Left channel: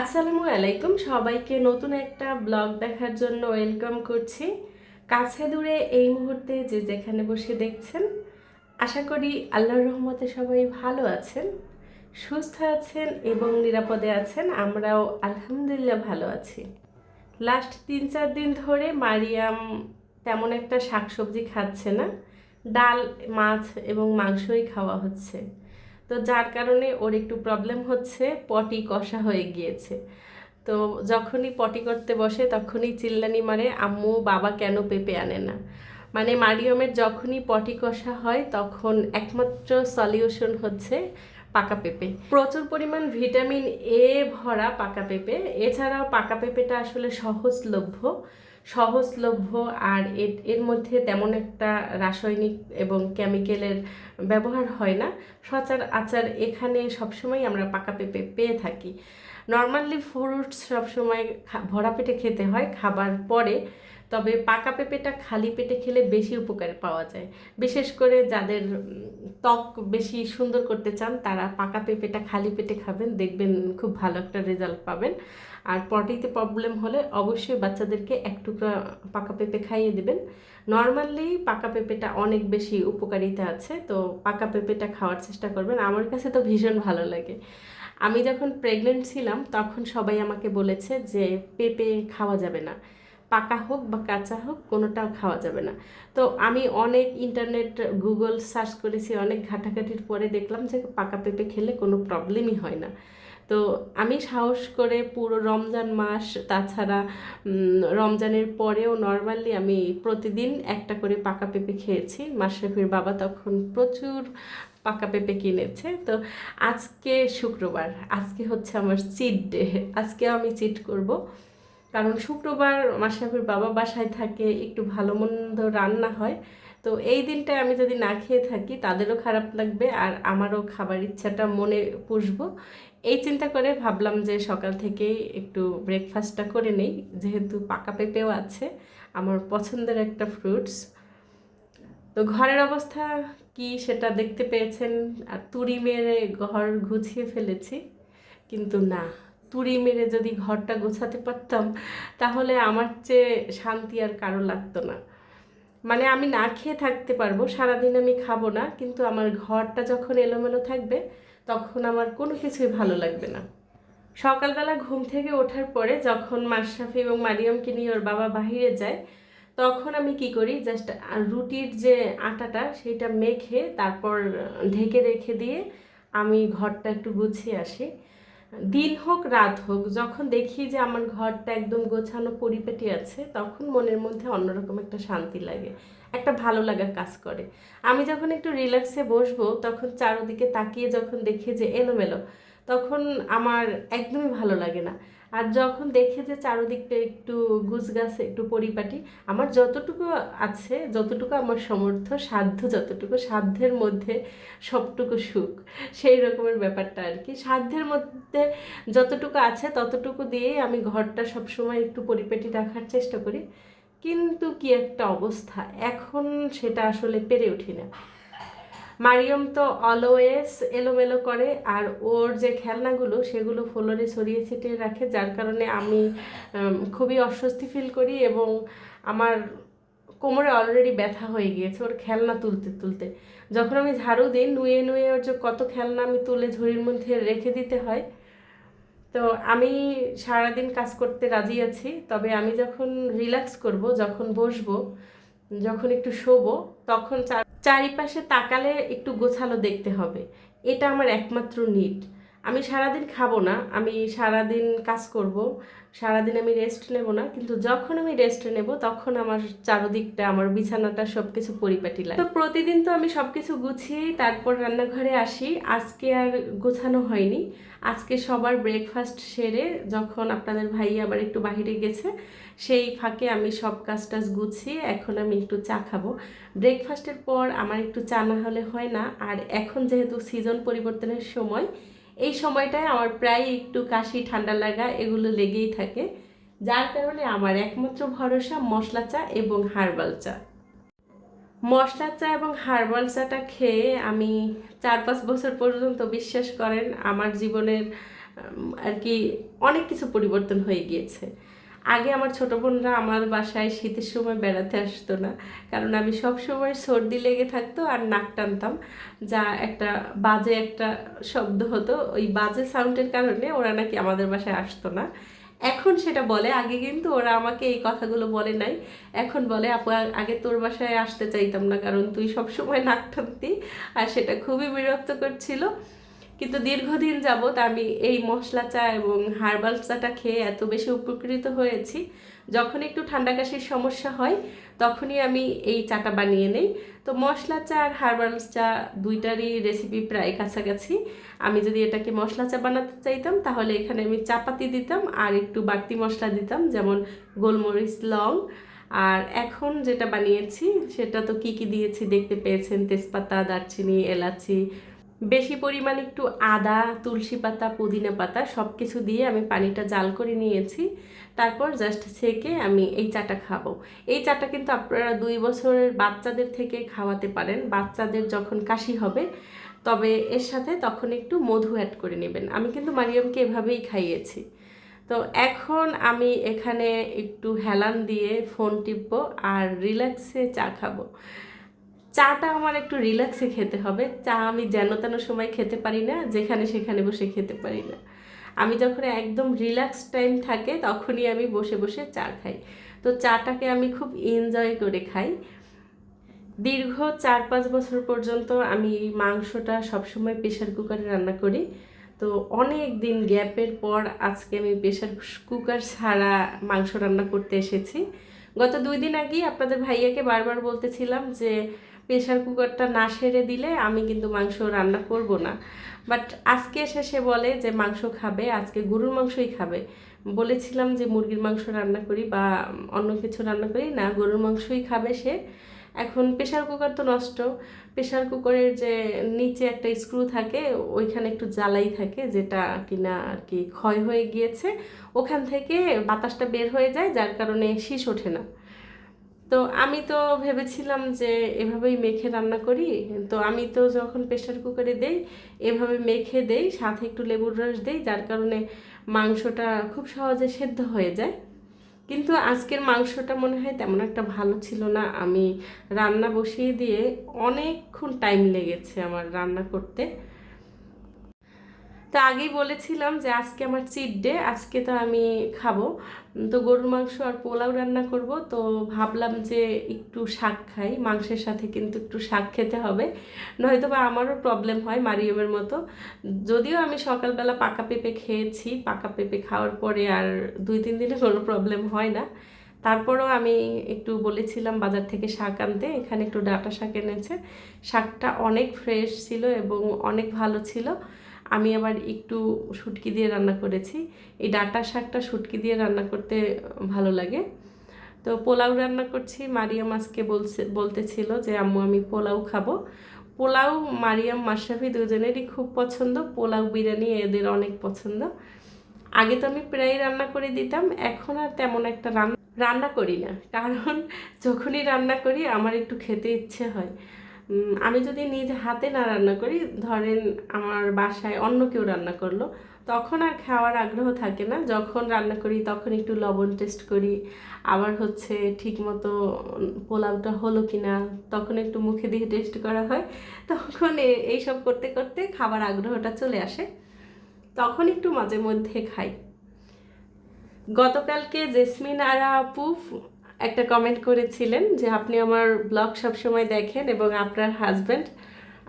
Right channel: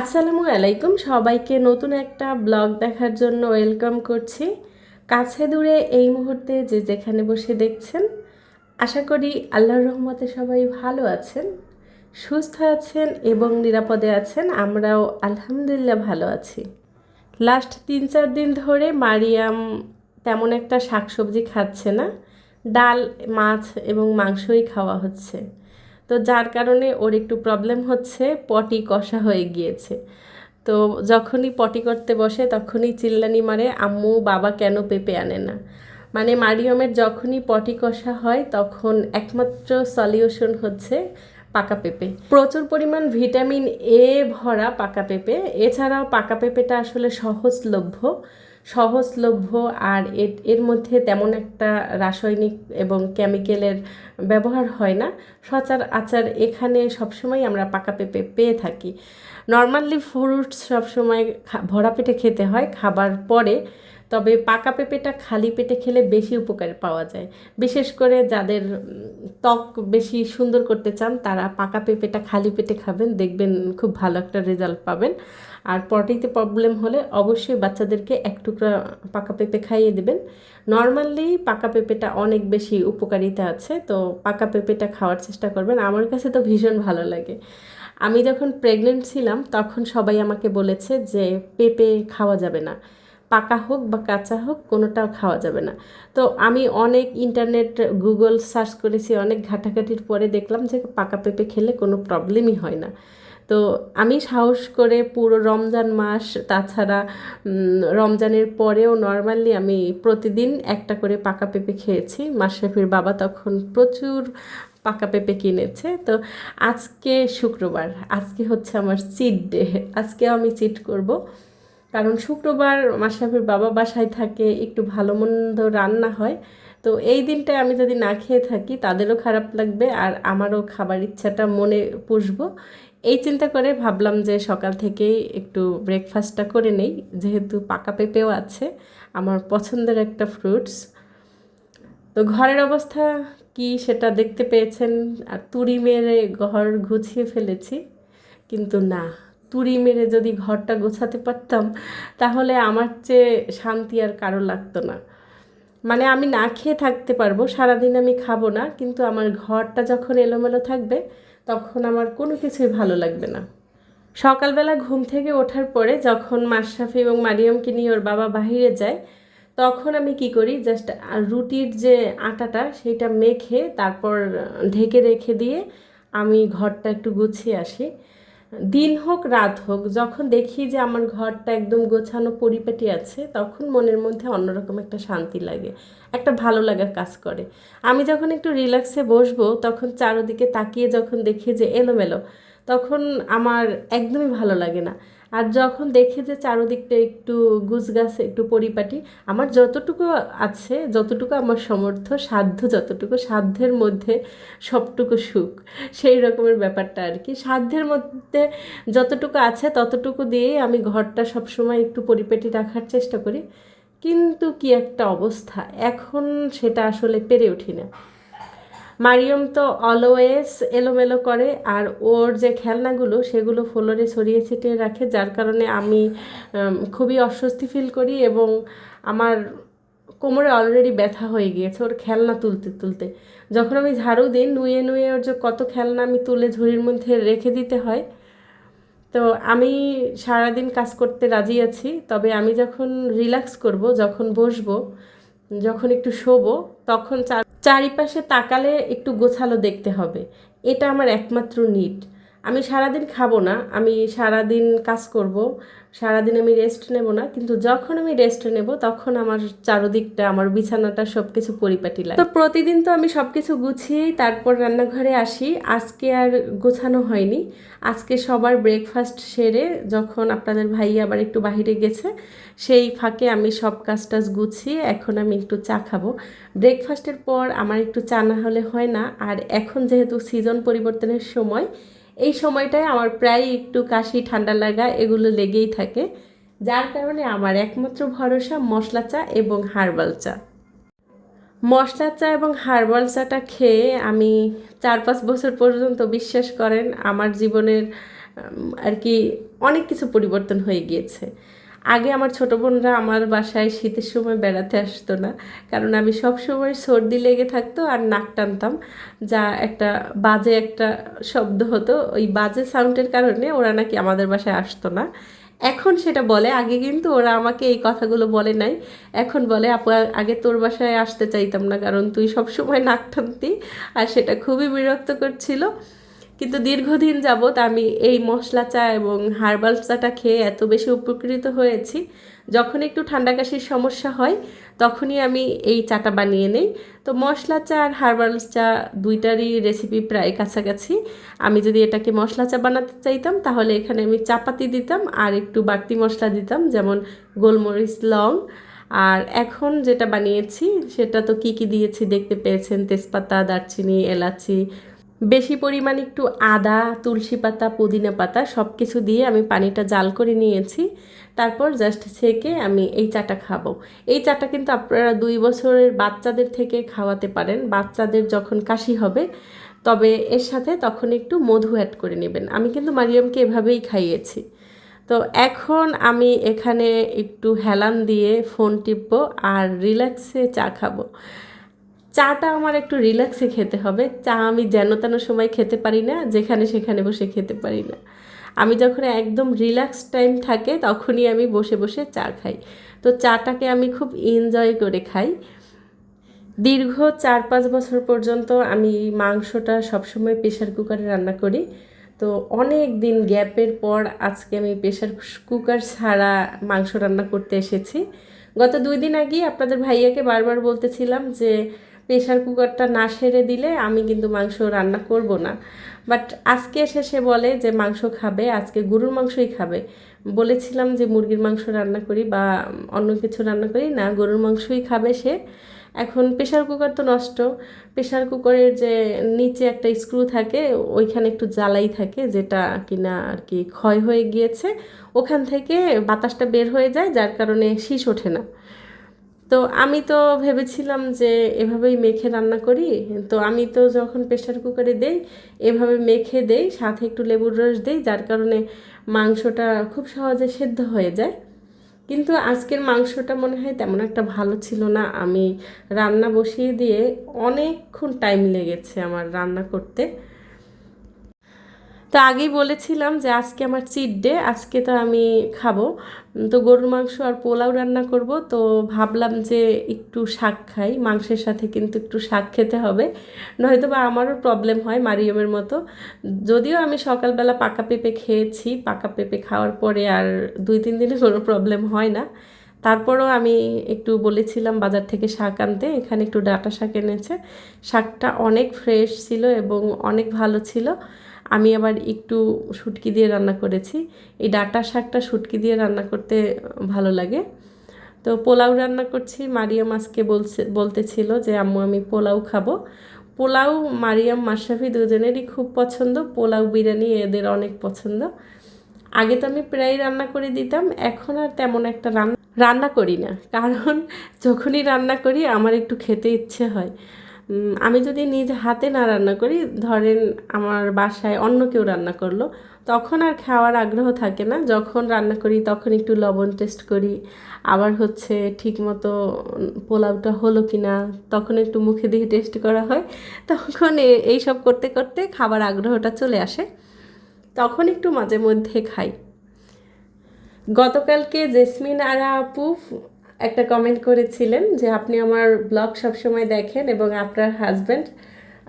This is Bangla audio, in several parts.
আসসালামু আলাইকুম। সবাইকে নতুন একটা ব্লগ দেখার জন্য ওয়েলকাম করছি। কাছে দূরে এই মুহূর্তে যে যেখানে বসে দেখছেন, আশা করি আল্লাহর রহমতে সবাই ভালো আছেন, সুস্থ আছেন এবং নিরাপদে আছেন। আমরাও আলহামদুলিল্লাহ ভালো আছি। লাস্ট তিন চার দিন ধরে মারিয়াম তেমন একটা শাকসবজি খাচ্ছে না। ডাল, মাছ এবং মাংসই খাওয়া হচ্ছে। তো যার কারণে ওর একটু প্রবলেম হচ্ছে, পটি কষা হয়ে গিয়েছে। তো যখনই পটি করতে বসে, তখনই চিল্লানি মারে, আম্মু, বাবা কেন পেঁপে আনে না? মানে মারিয়মের যখনই পটি কষা হয়, তখন একমাত্র সলিউশন হচ্ছে পাকা পেঁপে। প্রচুর পরিমাণ ভিটামিন এ ভরা পাকা পেঁপে। এছাড়াও পাকা পেঁপেটা আসলে সহজলভ্য। সহজলভ্য আর এর মধ্যে তেমন একটা রাসায়নিক এবং কেমিক্যালের ব্যবহার হয় না। সচার আচার এখানে সবসময় আমরা পাকা পেঁপে পেয়ে থাকি। নর্মালি ফ্রুটস সবসময় ভরা পেটে খেতে হয় খাবার পরে, তবে পাকা পেঁপেটা খালি পেটে খেলে বেশি উপকার পাওয়া যায়। বিশেষ করে যাদের ত্বক বেশি সুন্দর করতে চান, তারা পাকা পেঁপেটা খালি পেটে খাবেন, দেখবেন খুব ভালো একটা রেজাল্ট পাবেন। আর পটিতে প্রবলেম হলে অবশ্যই বাচ্চাদেরকে এক টুকরা পাকা পেঁপে খাইয়ে দেবেন। নর্মালি পাকা পেঁপেটা অনেক বেশি উপকারিতা আছে, তো পাকা পেঁপেটা খাওয়ার চেষ্টা করবেন। আমার কাছে তো ভীষণ ভালো লাগে। আমি যখন প্রেগনেন্ট ছিলাম, তখন সবাই আমাকে বলেছে যে, পেঁপে খাওয়া যাবে না। পাকা হোক বা কাঁচা হোক, কোনোটাও খাওয়া যাবে না। তো আমি অনেক ইন্টারনেট গুগল সার্চ করেছি, অনেক ঘাটাঘাটির পরে দেখলাম যে, পাকা পেঁপে খেলে কোনো প্রবলেমই হয় না। তো আমি সাহস করে পুরো রমজান মাস, তাছাড়া রমজানের পরেও নর্মালি আমি প্রতিদিন একটা করে পাকা পেঁপে খেয়েছি। মাশরাফির বাবা তখন প্রচুর পাকা পেঁপে কিনেছে। তো আজকে শুক্রবার, আজকে হচ্ছে আমার চিট ডে আজকে আমি চিট করব। কারণ শুক্রবার মাশরাফির বাবা বাসায় থাকে, একটু ভালো মন্দ রান্না হয়। তো এই দিনটায় আমি যদি না খেয়ে থাকি, তাদেরও খারাপ লাগবে আর আমারও খাবার ইচ্ছাটা মনে পুষবো। এই চিন্তা করে ভাবলাম যে সকাল থেকেই একটু ব্রেকফাস্টটা করে নেই। যেহেতু পাকা পেঁপেও আছে, আমার পছন্দের একটা ফ্রুটস তো ঘরের অবস্থা কি সেটা দেখতে পেয়েছেন? আর তুড়ি মেরে ঘর গুছিয়ে ফেলেছি, কিন্তু না। তুড়ি মেরে যদি ঘরটা গোছাতে পারতাম, তাহলে আমার চেয়ে শান্তি আর কারও লাগতো না। মানে আমি না খেয়ে থাকতে পারব, সারাদিন আমি খাব না, কিন্তু আমার ঘরটা যখন এলোমেলো থাকবে, তখন আমার কোনো কিছুই ভালো লাগবে না। সকালবেলা ঘুম থেকে ওঠার পরে যখন মাশরাফি এবং মারিয়ামকে নিয়ে ওর বাবা বাহিরে যায়, তখন আমি কি করি জাস্ট রুটির যে আটাটা, সেটা মেখে তারপর ঢেকে রেখে দিয়ে আমি ঘরটা একটু গুছিয়ে আসি। দিন হোক, রাত হোক, যখন দেখি যে আমার ঘরটা একদম গোছানো পরিপাটি আছে, তখন মনের মধ্যে অন্যরকম একটা শান্তি লাগে, একটা ভালো লাগার কাজ করে। আমি যখন একটু রিল্যাক্সে বসবো, তখন চারোদিকে তাকিয়ে যখন দেখি যে এলোমেলো, তখন আমার একদমই ভালো লাগে না। আর যখন দেখে যে চারোদিকটা একটু গুছগাছ একটু পরিপাটি, আমার যতটুকু আছে, যতটুকু আমার সমর্থ সাধ্য যতটুকু, সাধ্যের মধ্যে সবটুকু সুখ, সেই রকমের ব্যাপারটা আর কি। সাধ্যের মধ্যে যতটুকু আছে, ততটুকু দিয়েই আমি ঘরটা সবসময় একটু পরিপাটি রাখার চেষ্টা করি। কিন্তু কি একটা অবস্থা, এখন সেটা আসলে পেরে উঠি না। মারিয়ম তো অলওয়েজ এলোমেলো করে, আর ওর যে খেলনাগুলো সেগুলো ফ্লোরে ছড়িয়ে ছিটিয়ে রাখে, যার কারণে আমি খুবই অস্বস্তি ফিল করি এবং আমার কোমরে অলরেডি ব্যথা হয়ে গিয়েছে ওর খেলনা তুলতে তুলতে। যখন আমি ঝাড়ু দিই, নুয়ে নুয়ে ওর যে কত খেলনা আমি তুলে ঝুড়ির মধ্যে রেখে দিতে হয়, তো আমি সারাদিন কাজ করতে রাজি আছি, তবে আমি যখন রিল্যাক্স করব, যখন বসবো, যখন একটু শোবো, তখন চারিপাশে তাকালে একটু গোছালো দেখতে হবে। এটা আমার একমাত্র নিড আমি সারাদিন খাব না, আমি সারাদিন কাজ করব, সারাদিন আমি রেস্ট নেব না, কিন্তু যখন আমি রেস্ট নেব, তখন আমার চারোদিকটা, আমার বিছানাটা সব কিছু পরিপাটি লাগে। তো প্রতিদিন তো আমি সব কিছু গুছিয়েই তারপর রান্নাঘরে আসি, আজকে আর গোছানো হয়নি। আজকে সবার ব্রেকফাস্ট সেরে যখন আপনাদের ভাই আবার একটু বাহিরে গেছে, সেই ফাঁকে আমি সব কাজ টাজ গুছিয়ে এখন আমি একটু চা খাব। ব্রেকফাস্টের পর আমার একটু চা না হলে হয় না, আর এখন যেহেতু সিজন পরিবর্তনের সময় এই সময়টায় আমার প্রায় একটু কাশি, ঠান্ডা লাগা এগুলো লেগেই থাকে। যার কারণে আমার একমাত্র ভরসা মশলা চা এবং হার্বাল চা। মশলা চা এবং হার্বাল চাটা খেয়ে আমি চার পাঁচ বছর পর্যন্ত বিশ্বাস করেন, আমার জীবনের আর কি অনেক কিছু পরিবর্তন হয়ে গিয়েছে। আগে আমার ছোটো বোনরা আমার বাসায় শীতের সময় বেড়াতে আসতো না। কারণ আমি সব সময় সর্দি লেগে থাকতো আর নাক টানতাম। যা একটা বাজে একটা শব্দ হতো। ওই বাজে সাউন্ডের কারণে ওরা নাকি আমাদের বাসায় আসতো না। এখন সেটা বলে। আগে কিন্তু ওরা আমাকে এই কথাগুলো বলে নাই। এখন বলে, আপু আগে তোর বাসায় আসতে চাইতাম না। কারণ তুই সব সময় নাক টানতি। আর সেটা খুবই বিরক্ত করছিল কিন্তু দীর্ঘদিন যাবৎ আমি এই মশলা চা এবং হার্বাল চাটা খেয়ে এত বেশি উপকৃত হয়েছি। যখন একটু ঠান্ডা কাশির সমস্যা হয়, তখনই আমি এই চাটা বানিয়ে নেই। তো মশলা চা আর হার্বাল চা দুইটারই রেসিপি প্রায় কাছাকাছি। আমি যদি এটাকে মশলা চা বানাতে চাইতাম, তাহলে এখানে আমি চাপাতি দিতাম আর একটু বাড়তি মশলা দিতাম, যেমন গোলমরিচ, লং। আর এখন যেটা বানিয়েছি, সেটা তো কি কি দিয়েছি দেখতে পেয়েছেন? তেজপাতা, দারচিনি, এলাচি বেশি পরিমাণ একটু আদা, তুলসী পাতা, পুদিনা পাতা সব কিছু দিয়ে আমি পানিটা জাল করে নিয়েছি। তারপর জাস্ট ছেঁকে আমি এই চাটা খাব। এই চাটা কিন্তু আপনারা দুই বছরের বাচ্চাদের থেকে খাওয়াতে পারেন। বাচ্চাদের যখন কাশি হবে, তবে এর সাথে তখন একটু মধু অ্যাড করে নেবেন। আমি কিন্তু মারিয়ামকে এভাবেই খাইয়েছি। তো এখন আমি এখানে একটু হেলান দিয়ে ফোন টিপবো আর রিল্যাক্সে চা খাব। চাটা আমার একটু রিল্যাক্সে খেতে হবে। চা আমি যেন তেন সময় খেতে পারি না, যেখানে সেখানে বসে খেতে পারি না। আমি যখন একদম রিল্যাক্স টাইম থাকে, তখনই আমি বসে বসে চা খাই। তো চাটাকে আমি খুব এনজয় করে খাই। দীর্ঘ চার পাঁচ বছর পর্যন্ত আমি মাংসটা সবসময় প্রেশার কুকারে রান্না করি। তো অনেক দিন গ্যাপের পর আজকে আমি প্রেশার কুকার ছাড়া মাংস রান্না করতে এসেছি। গত দুই দিন আগেই আপনাদের ভাইয়াকে বারবার বলতেছিলাম যে প্রেশার কুকারটা না সেরে দিলে আমি কিন্তু মাংস রান্না করব না। বাট আজকে এসে সে বলে যে, মাংস খাবে, আজকে গরুর মাংসই খাবে। বলেছিলাম যে, মুরগির মাংস রান্না করি বা অন্য কিছু রান্না করি। না, গরুর মাংসই খাবে সে। এখন প্রেশার কুকার তো নষ্ট। প্রেশার কুকারের যে নিচে একটা স্ক্রু থাকে, ওইখানে একটু জ্বালাই থাকে, যেটা কিনা আর কি ক্ষয় হয়ে গিয়েছে। ওখান থেকে বাতাসটা বের হয়ে যায়, যার কারণে শীষ ওঠে না। তো আমি তো ভেবেছিলাম যে এভাবেই মেখে রান্না করি। তো আমি তো যখন প্রেশার কুকারে দেই, এভাবে মেখে দেই, সাথে একটু লেবুর রস দেই, যার কারণে মাংসটা খুব সহজে সেদ্ধ হয়ে যায়। কিন্তু আজকের মাংসটা মনে হয় তেমন একটা ভালো ছিল না। আমি রান্না বসিয়ে দিয়ে অনেকক্ষণ টাইম লেগেছে আমার রান্না করতে। তো আগেই বলেছিলাম যে আজকে আমার চিট ডে আজকে তো আমি খাব। তো গরুর মাংস আর পোলাও রান্না করব। তো ভাবলাম যে একটু শাক খাই, মাংসের সাথে কিন্তু একটু শাক খেতে হবে। নয়তো বা আমারও প্রবলেম হয় মারিয়মের মতো। যদিও আমি সকালবেলা পাকা পেঁপে খেয়েছি, পাকা পেঁপে খাওয়ার পরে আর দুই, তিন দিনে কোনো প্রবলেম হয় না। তারপরও আমি একটু বলেছিলাম বাজার থেকে শাক আনতে, এখানে একটু ডাটা শাক এনেছে। শাকটা অনেক ফ্রেশ ছিল এবং অনেক ভালো ছিল। আমি আবার একটু শুটকি দিয়ে রান্না করেছি। এই ডাটা শাকটা শুটকি দিয়ে রান্না করতে ভালো লাগে। তো পোলাও রান্না করছি। মারিয়াম আজকে বলছে, বলতেছিল যে, আম্মু, আমি পোলাও খাব। পোলাও মারিয়াম মাসাফি দুজনেরই খুব পছন্দ। পোলাও বিরিয়ানি এদের অনেক পছন্দ। আগে তো আমি প্রায় রান্না করে দিতাম, এখন আর তেমন একটা রান্না রান্না করি না। কারণ যখনই রান্না করি, আমার একটু খেতে ইচ্ছে হয়। আমি যদি নিজ হাতে না রান্না করি, ধরেন আমার বাসায় অন্য কেউ রান্না করল, তখন আর খাওয়ার আগ্রহ থাকে না। যখন রান্না করি, তখন একটু লবণ টেস্ট করি। আবার হচ্ছে ঠিক মতো পোলাওটা হলো কি না তখন একটু মুখে দিয়ে টেস্ট করা হয়। তখন এইসব করতে করতে খাবার আগ্রহটা চলে আসে। তখন একটু মাঝে মধ্যে খাই। গতকালকে জেসমিন আরা আপু একটা কমেন্ট করেছিলেন যে, আপনি আমার ব্লগ সবসময় দেখেন এবং আপনার হাজব্যান্ড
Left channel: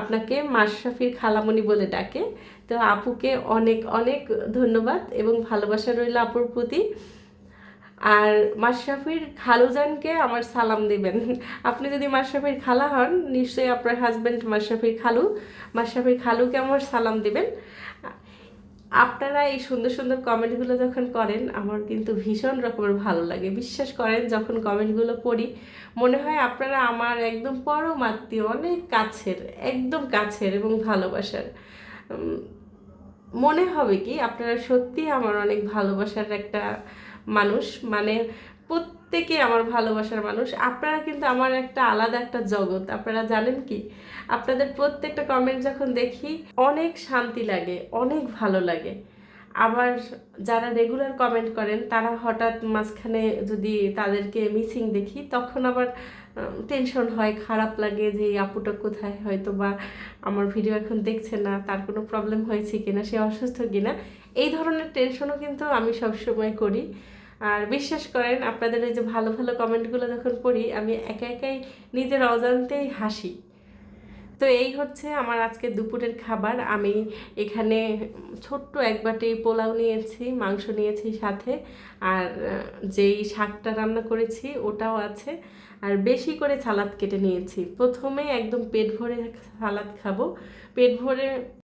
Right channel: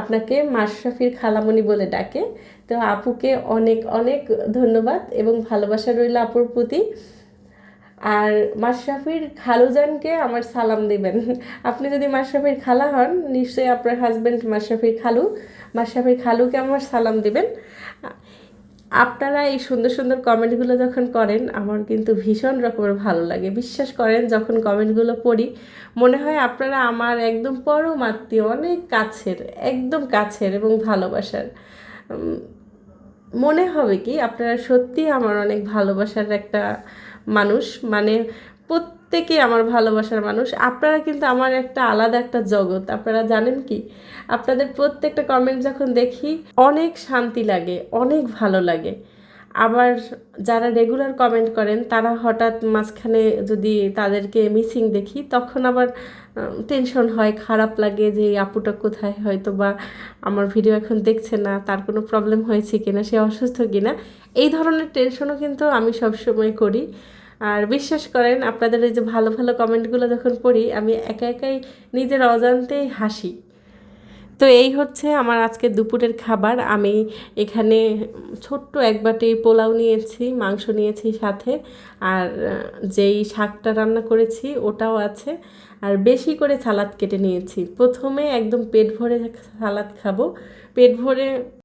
আপনাকে মাশরাফির খালামণি বলে ডাকে। তো আপুকে অনেক অনেক ধন্যবাদ এবং ভালোবাসা রইল আপুর প্রতি। আর মাশরাফির খালুজানকে আমার সালাম দেবেন। আপনি যদি মাশরাফির খালা হন, নিশ্চয়ই আপনার হাজব্যান্ড মাশরাফির খালু। মাশরাফির খালুকে আমার সালাম দেবেন। আপনারা এই সুন্দর সুন্দর কমেন্টগুলো যখন করেন, আমার কিন্তু ভীষণ রকমের ভালো লাগে। বিশ্বাস করেন, যখন কমেন্টগুলো পড়ি, মনে হয় আপনারা আমার একদম পরম আত্মীয় অনেক কাছের, একদম কাছের এবং ভালোবাসার। মনে হবে কি, আপনারা সত্যি আমার অনেক ভালোবাসার একটা মানুষ। মানে প্রত্যেকে আমার ভালোবাসার মানুষ। আপনারা কিন্তু আমার একটা আলাদা একটা জগৎ। আপনারা জানেন কি? আপনাদের প্রত্যেকটা কমেন্ট যখন দেখি, অনেক শান্তি লাগে, অনেক ভালো লাগে। আবার যারা রেগুলার কমেন্ট করেন, তারা হঠাৎ মাঝখানে যদি তাদেরকে মিসিং দেখি, তখন আবার টেনশন হয়, খারাপ লাগে যে, এই আপুটা কোথায়? হয়তো বা আমার ভিডিও এখন দেখছে না, তার কোনো প্রবলেম হয়েছে কিনা, সে অসুস্থ কিনা? এই ধরনের টেনশনও কিন্তু আমি সবসময় করি। আর বিশ্বাস করেন, আপনাদের এই যে ভালো ভালো কমেন্টগুলো যখন পড়ি, আমি একা একাই নিজের অজান্তেই হাসি। তো এই হচ্ছে আমার আজকে দুপুরের খাবার। আমি এখানে ছোট্ট এক বাটি পোলাও নিয়েছি, মাংস নিয়েছি সাথে, আর যেই শাকটা রান্না করেছি ওটাও আছে। আর বেশি করে সালাদ কেটে নিয়েছি। প্রথমে একদম পেট ভরে সালাদ খাব। পেট ভরে